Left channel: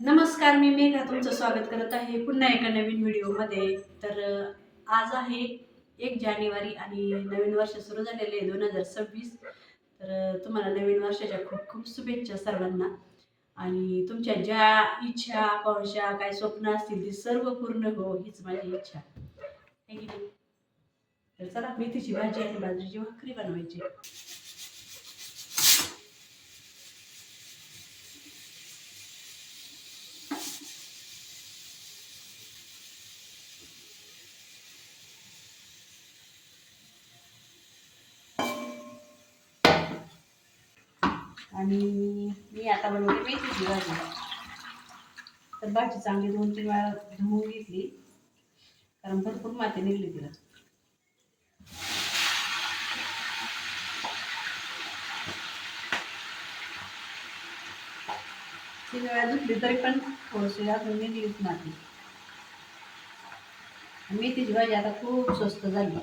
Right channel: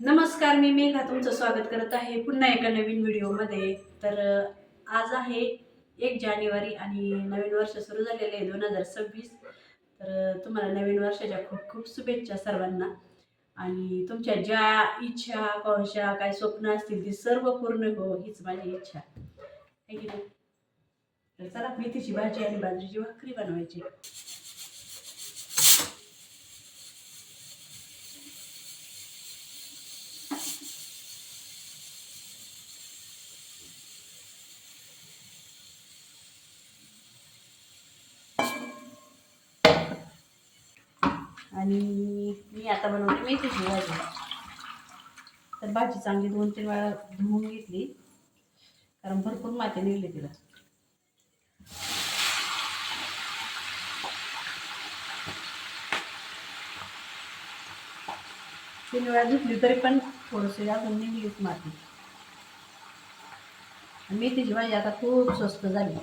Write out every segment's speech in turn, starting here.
नमस्कार मी मेघा तुमचं स्वागत करत आहे पुन्हा एका नवीन व्हिडिओमध्ये. तर आज आहे एक जानेवारी आणि नवीन वर्ष सुरू झालेले आहे दोन हजार सव्वीस. तर तुम्हाला नवीन वर्षाच्या खूप खूप शुभेच्छा सर्वांना. आणि तुमच्या ज्या इच्छा आकांक्षा काय स्वप्न असतील ती सर्व पूर्ण हो हीच माझी इच्छा. आहे की नाही? तर चला मेथीची भाजी आणि बाजरीची भाकरी बनवायची. आणि मी आता बनवते मेथीची भाजी. तर भाजी चांगली दोन तीन वेळा धुवून घेतली. कारण भरपूर माती निघली तिला. तीन वेळा धुतली तरी पण थोडीशी अजून निघलीच माती. आणि मेथीची भाजी आता खूप स्वस्त झाली.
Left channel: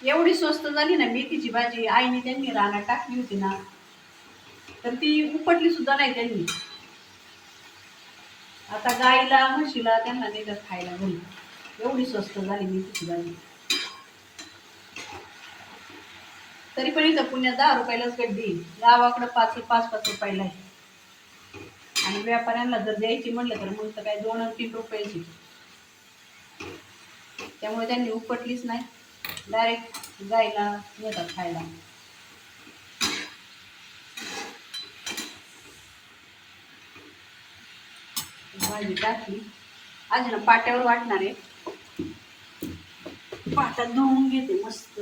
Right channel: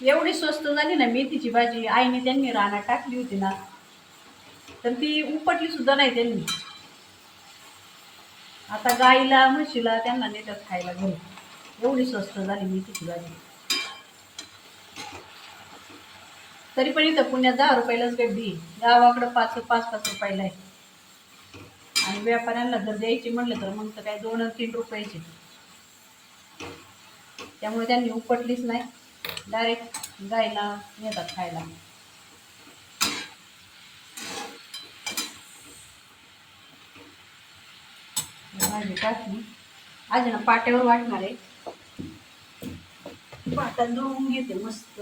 एवढी स्वस्त झाली ना मेथीची भाजी आईने त्यांनी रानात टाकली होती ना. तर ती उपटली सुद्धा नाही त्यांनी. आता गाईला म्हशीला त्यांना नेतात खायला घरी एवढी स्वस्त झाली मेथीची भाजी. तरी पण इथं पुण्यात दहा रुपयालाच गड्डी गावाकडं पाच पाच पाच रुपयाला आहे. आणि व्यापाऱ्यांना जर द्यायची म्हटलं तर मग तर काय दोन तीन रुपयाची. त्यामुळे त्यांनी उपटलीच नाही. डायरेक्ट गायला येतात खायला. भाजी टाकली. आज ना पाट्यावर वाटणार आहे. पाट्यात धुवून घेते मस्त.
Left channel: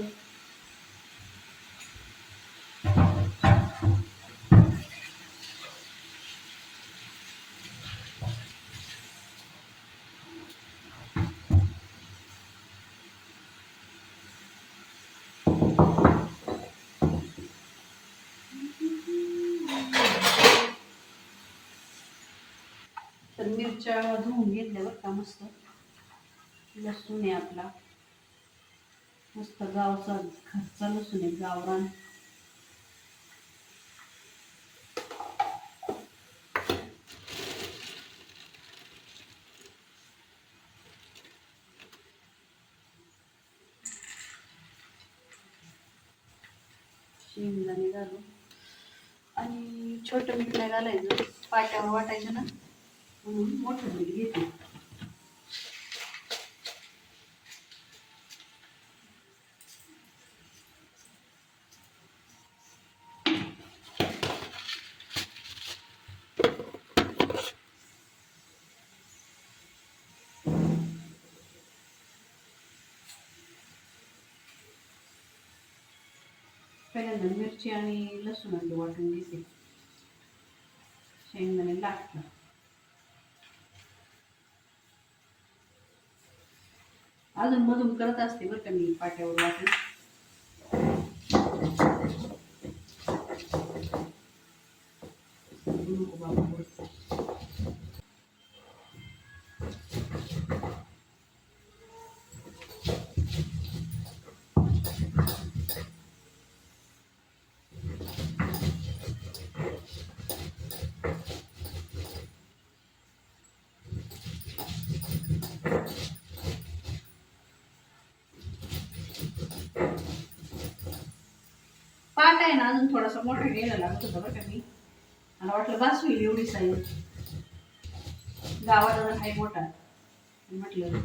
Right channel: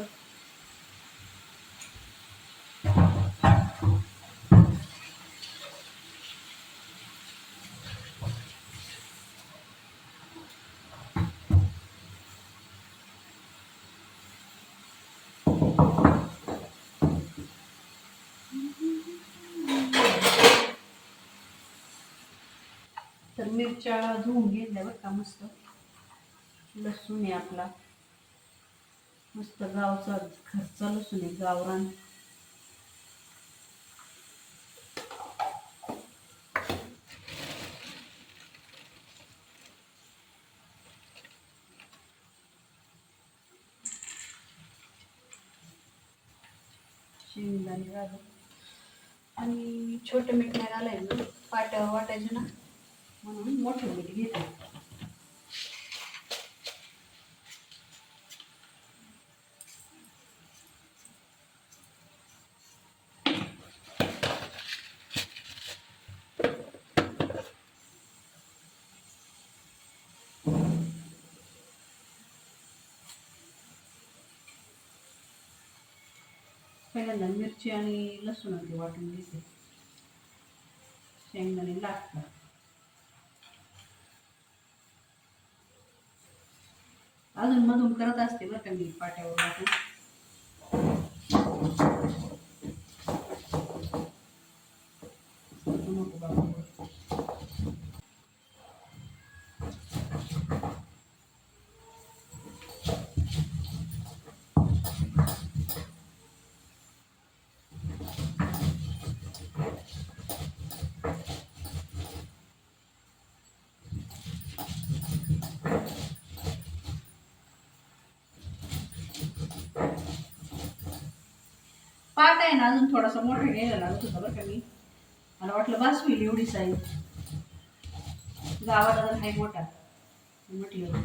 तर मिरच्या धुवून घेतल्या का मस्त. लसूण आहे आपला. मस्त गावचा घरचा लसूण आहे गावरान. शेंगदाणे घालू आणि छोटं मीठ नाही घालायचं पाट्यावर वाटायचं ना. म्हणून मोठं मीठ घेते. पहिल्यांदा मिरची आणि लसूण वाटून घेते. शेंगदाणे लागतात. अजून मधून करत असते बरं का मी पाट्यावर वाटून नको बाबा बरं. पाट आहे ना अजून थोडासा मोठा घ्यायला लागत होता बरं का मी. मला वाटलं बास होईल एवढी साईज गावाला जर नाही मोठा. म्हटलं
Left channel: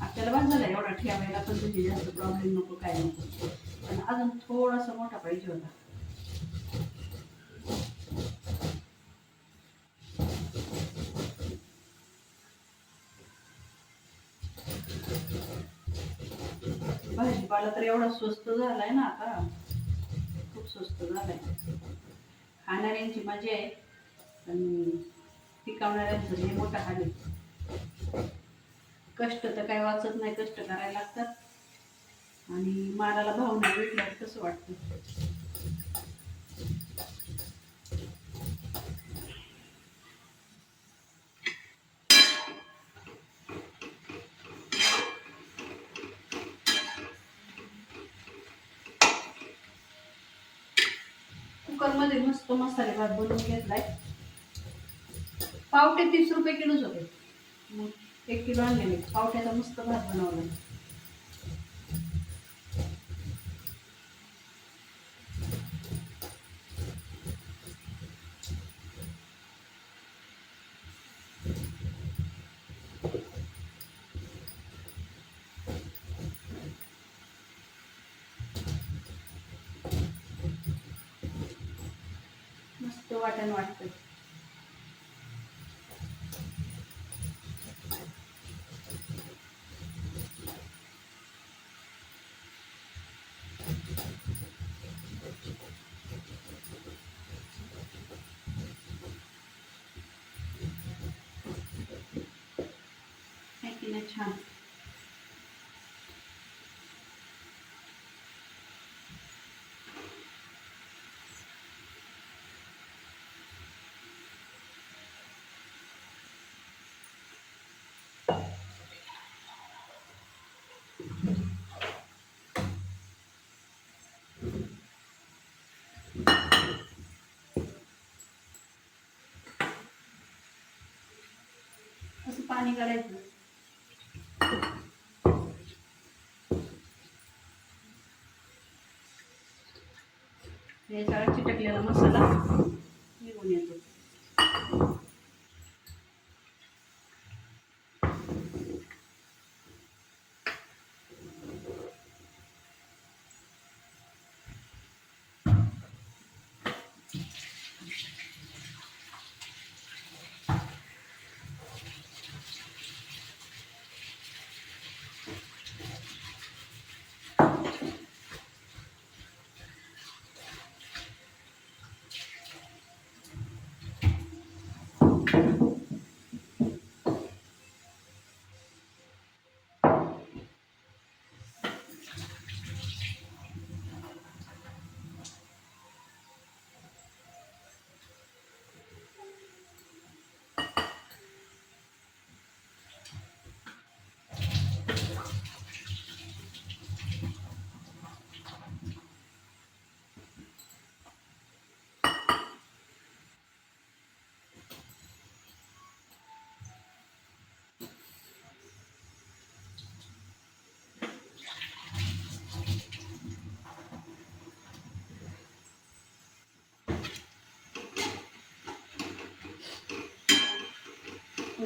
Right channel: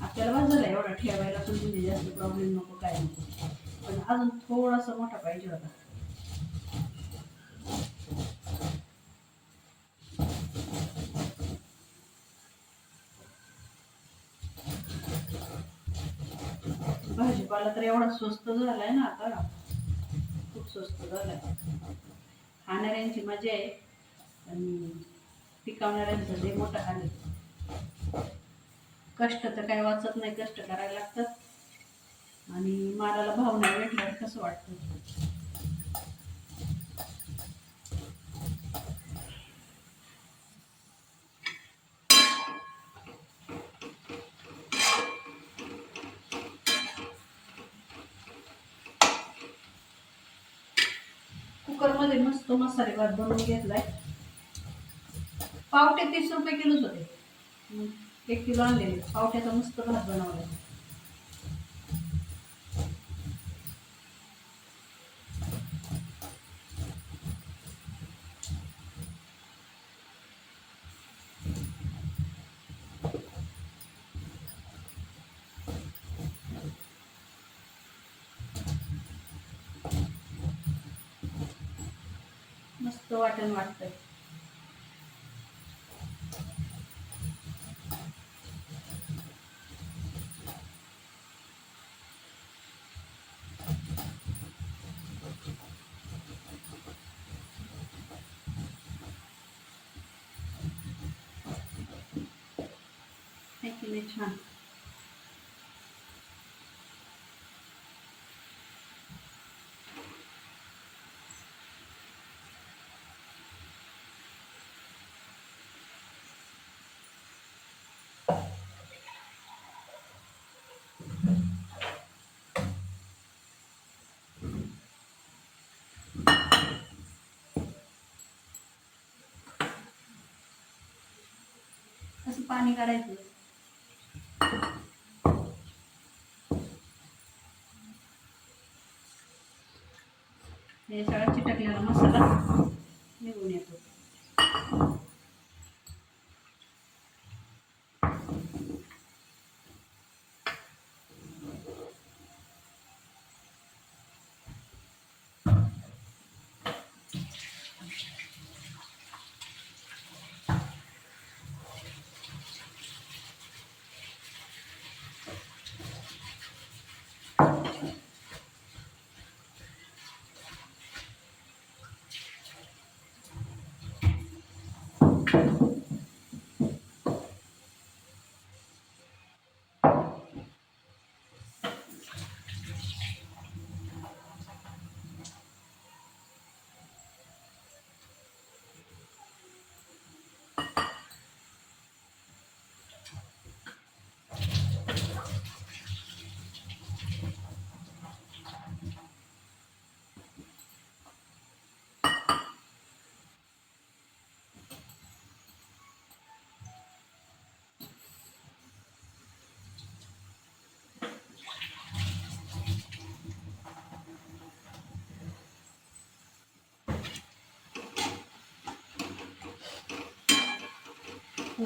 आपल्याला बास झाला एवढा ठेवायला पण तुझी जास्त प्रॉब्लेम नको काय नको. पण अजून थोडासा मोठा पाहिजे होता. भाजीपाला तर एवढा स्वस्त झालाय ना आता. स्वस्त झालाय. खाणाऱ्यांची मजा आहे आणि पिकवणाऱ्यांचं लय मोठं हाल आहे. कष्ट तर काही वाचत नाही कष्ट करायला लागतात. आणि मालाला भाव नाही भेटल्यावर कसं वाटतं? कुकरमध्ये मस्त मसाले भात बनवून घेतलाय. पावटे तीस रुपये किलोच होते. मग एक किलो आणलेले. पावट्याचा मस्त भात बनवला मस्त वाटण वाटतंय है की नाही छान पाणी काढायचं. हे सगळा चिटकलेला मसाला निघून येतो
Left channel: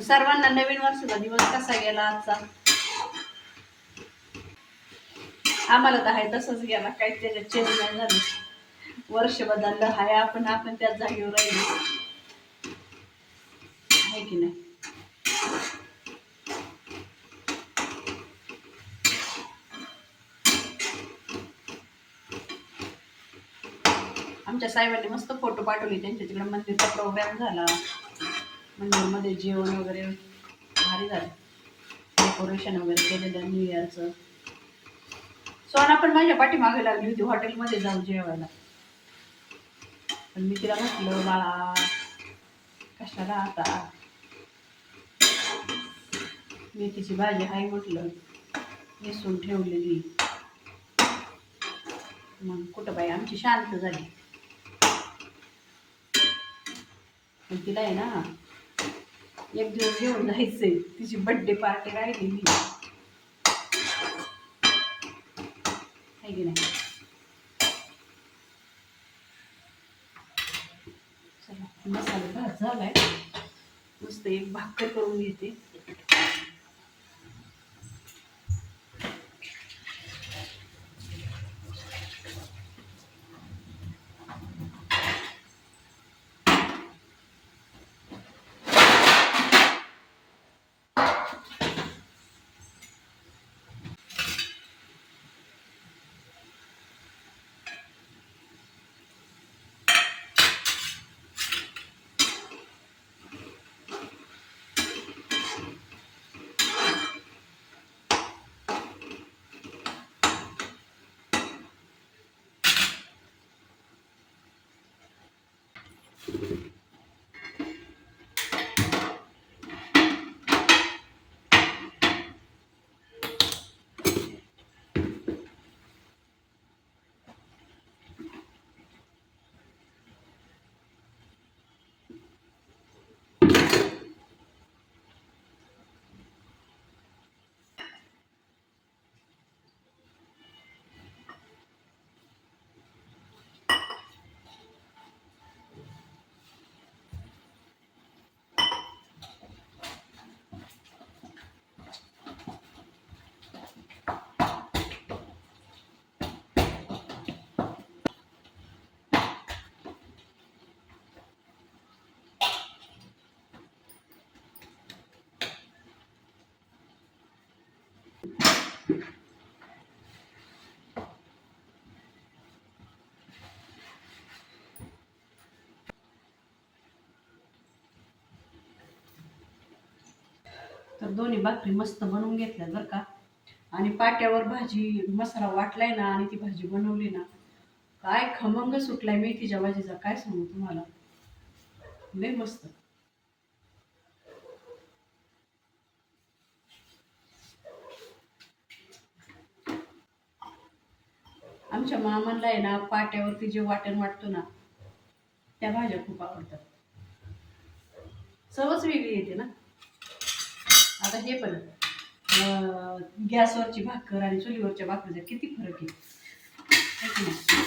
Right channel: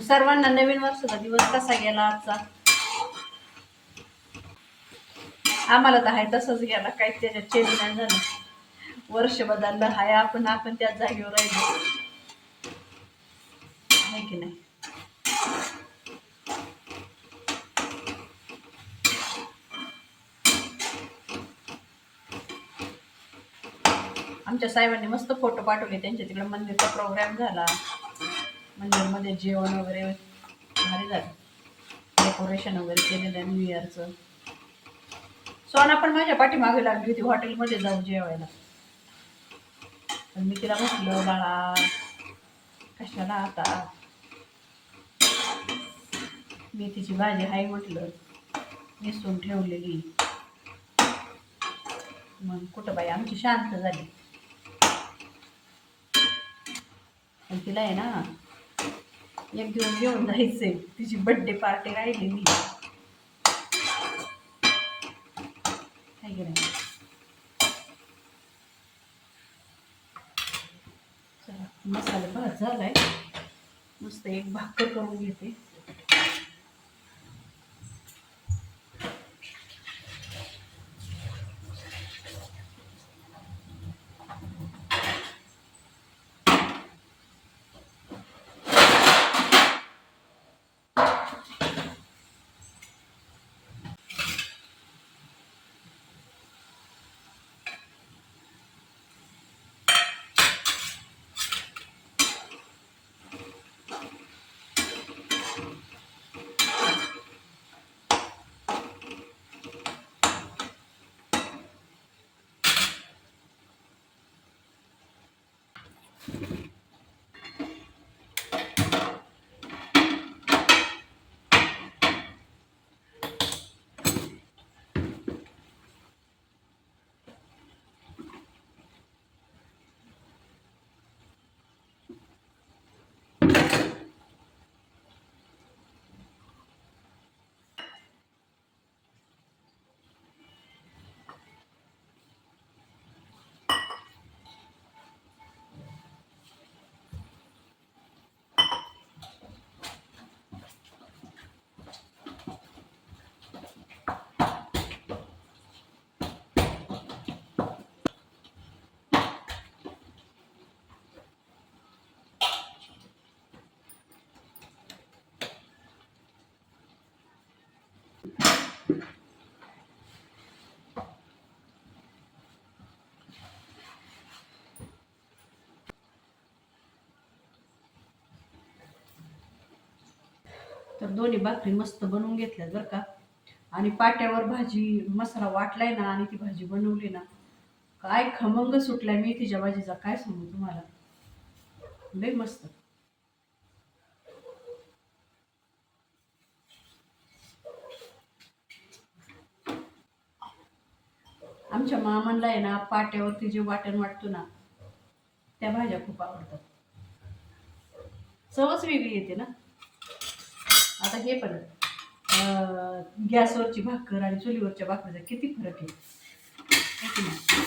सर्वांना नवीन वर्षाचा दिवस कसा गेला आजचा? आम्हाला तर आहे तसंच गेला. काही त्याच्यात चेंज नाही झालं. वर्ष बदललं. हाय आपण आपण त्याच जागेवर राहिलो. आहे की नाही? आमच्या साहेबांनी मस्त फोटो पाठवले. त्यांच्या तिकडे मंदिरचा प्रोग्राम झाला. मध्ये जेवण वगैरे भारी झालं. डेकोरेशन वगैरे केलेलं न्यू इयरचं सोना पण माझ्या पाठीमागे लागली होती हॉटेलमध्ये जाऊ जेवायला. पण मी तिला म्हटलं बाळा कशाला आता? मेथीची भाजी आहे म्हटलं नेसून ठेवलेली. मग कुठं बाई आमची शांत झाली. पण तिला आहे ना एक दिवस घेऊन जायचंय. तिची बड्डे पार्टी राहिलेली आहे की नाही? चला मसाले भात झालाय. मस्त एक भाकर करून घेते. तर दोन्ही भाकरी मस्त बनवून घेतल्या बरं का. आणि पाट्यावर भाजी मसाला वाटलाय ना आणि ती भाजी बनवली ना काय खमंग सुटलाय मी तिच्या भाजीचा काय सांगू तुम्हाला. लय मस्त. आमच्या मामांना आहे ना पाट्यावरती जे वाटण वाटतो ना त्या भाज्या खूप आवडतात. चवच वेगळी येते ना. आता हे पण गॅसवरची भाकर आणि चुलीवरच्या भाकरीचा किती फरक आहे की नाही?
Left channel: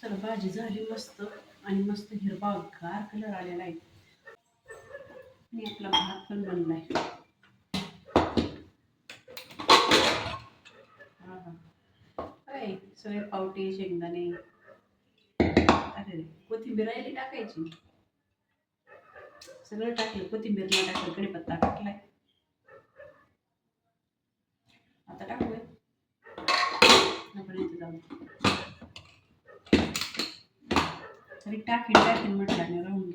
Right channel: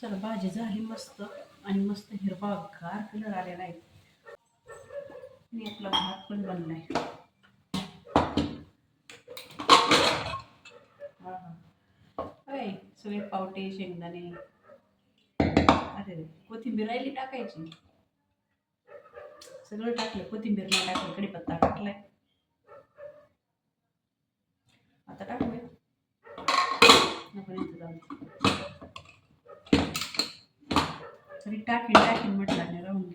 चला भाजी झाली मस्त आणि मस्त हिरवागार कलर आलेला आहे आणि आपला भात पण बनलाय. हां हां. काय सगळे पावटे शेंगदाणे. अरे रे कोथिंबीर राहिली टाकायची. सगळं टाकलं कोथिंबीर नाही टाकलं कढीपत्ता टाकलाय. आता टाकूया. नको जाऊ तरी टाकीन टाकीन म्हटलं आणि राहून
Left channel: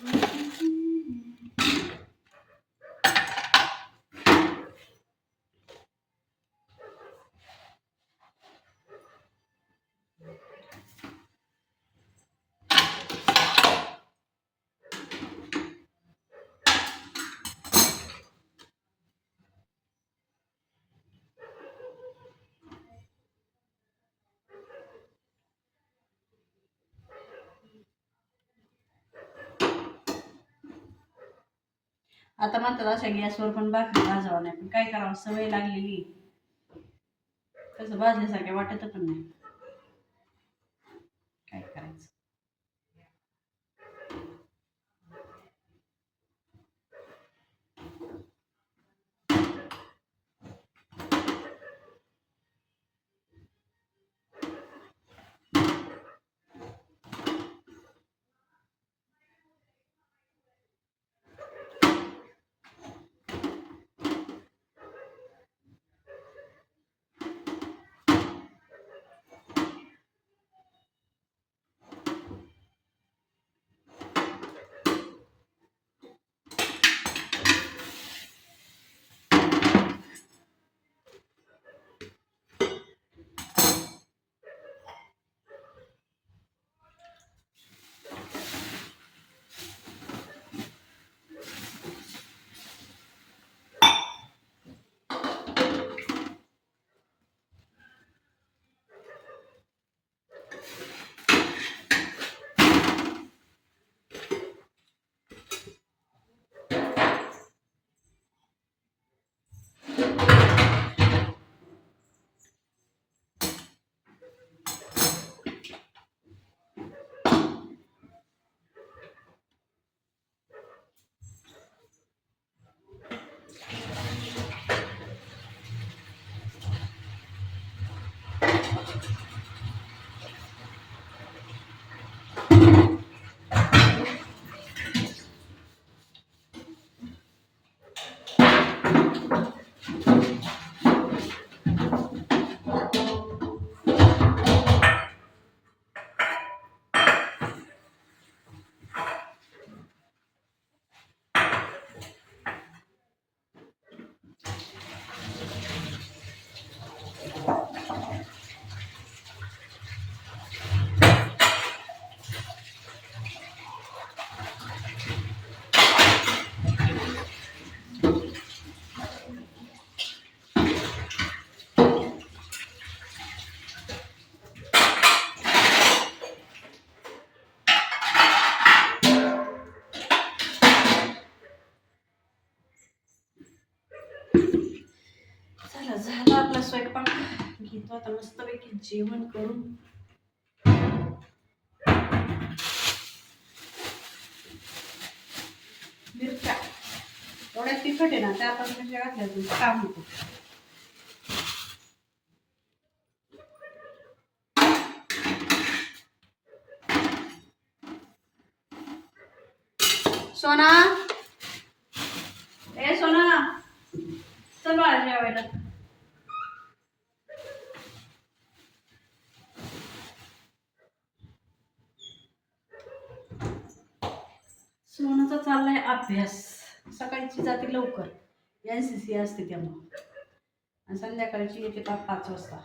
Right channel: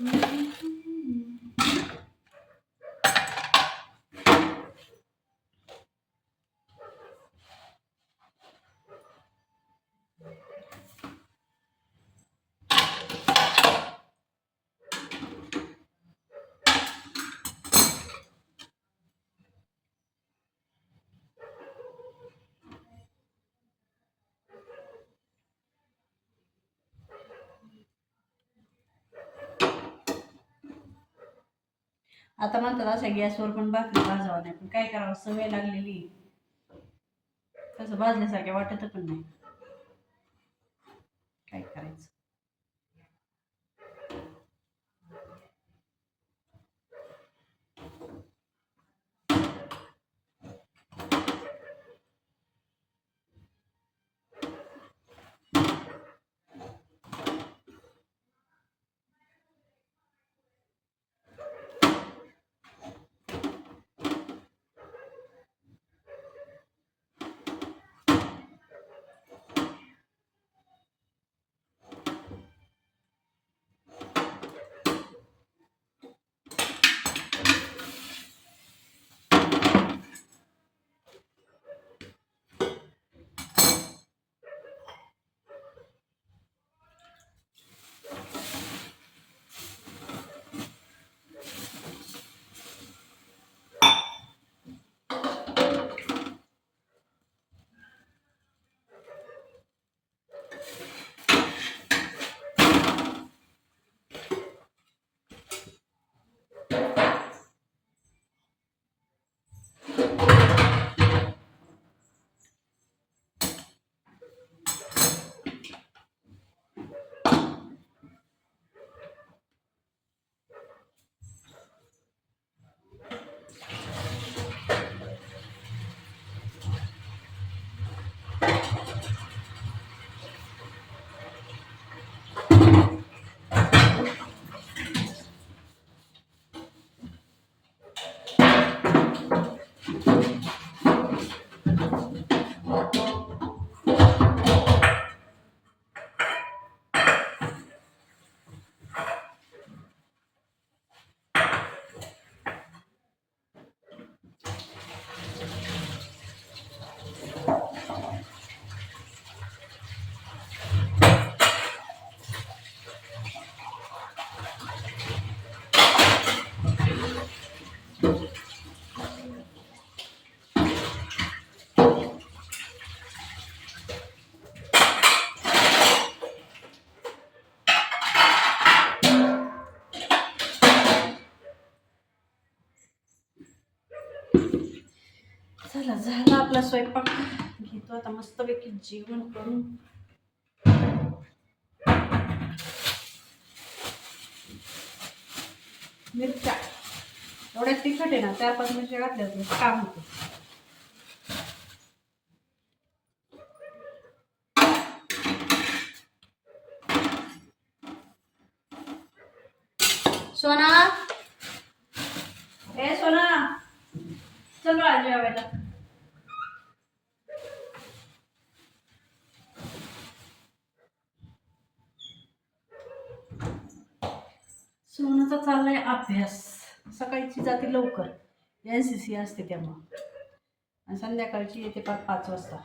Mm-hmm. आता म्हणतात अशा गॅसवर पण भाकरी भाजावा नाही पण काय करावं? सवय लागलेली कसं भाजल्यासारख्या वाटत पण नाही. चला झाला आपला स्वयंपाक. घेतो आता मस्तपैकी जेवण करून. मिरच्या. एवढ्या तिखट आहे ना चार पाच मिरच्या घातल्या काम होतं. सोना? ए सोना. चल आज जेवायला. सोनाचा चाललाय अभ्यास. सकाळची जाते लवकर. एन सी सी असते त्यामुळं. आणि संध्याकाळची येते पाच पाच वाजता.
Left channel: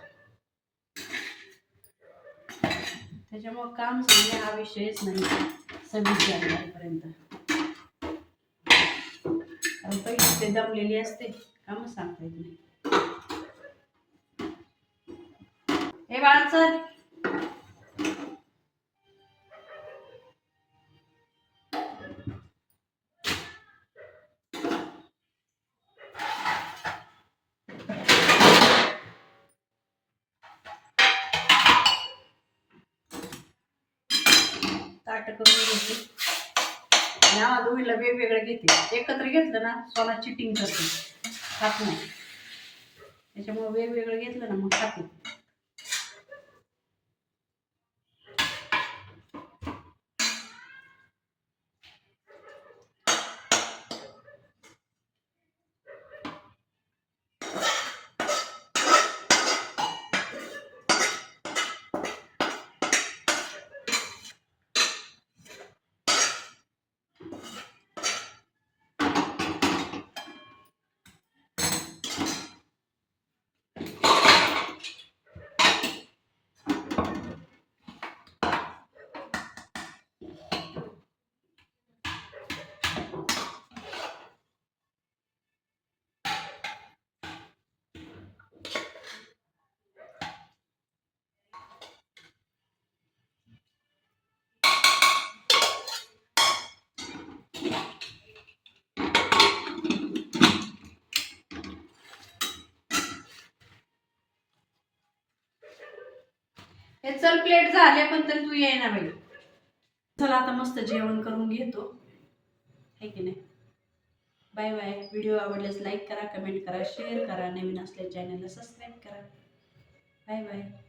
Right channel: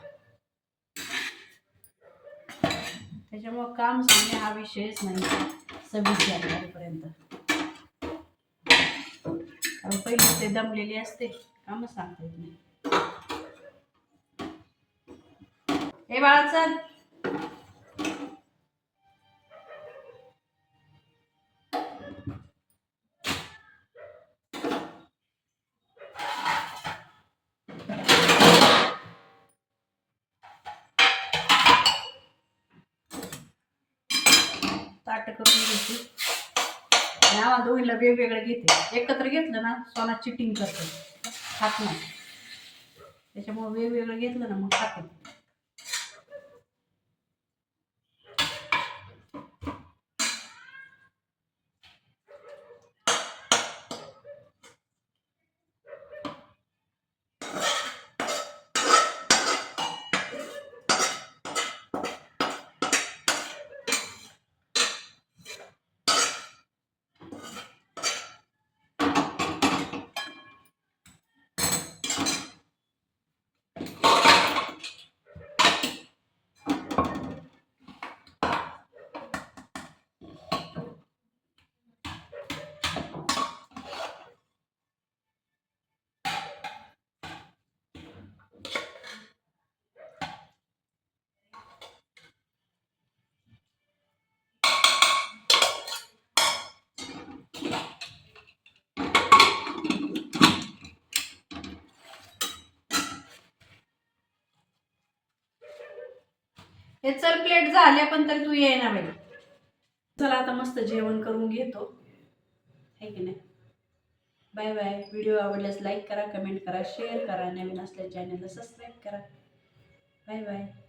त्याच्यामुळं काम सांगणे हा विषयच नाही. सव्वीस जानेवारीपर्यंत कारण पहिलीच ते दमलेली असते. कामच सांगता येत नाही. हे बाळचं ताट करून घेते. नावा आम्हाला वेगवेगळं घेते. एकत्र घेतलं ना सोना चिटिंग करते. खात नाही. त्याच्यामुळे वेगवेगळं घेतलं ना मग खाते. चल प्लेट झाल्या पण तर तू ये ना बाई. चला आता मस्त जेवण करून घेतो. आहे की नाही? Bye bye. व्हिडिओ आवडल्यास लाईक करा कमेंट करा शेअर करा. नवीन असल्या चॅनलला सबस्क्राईब करा. Bye bye.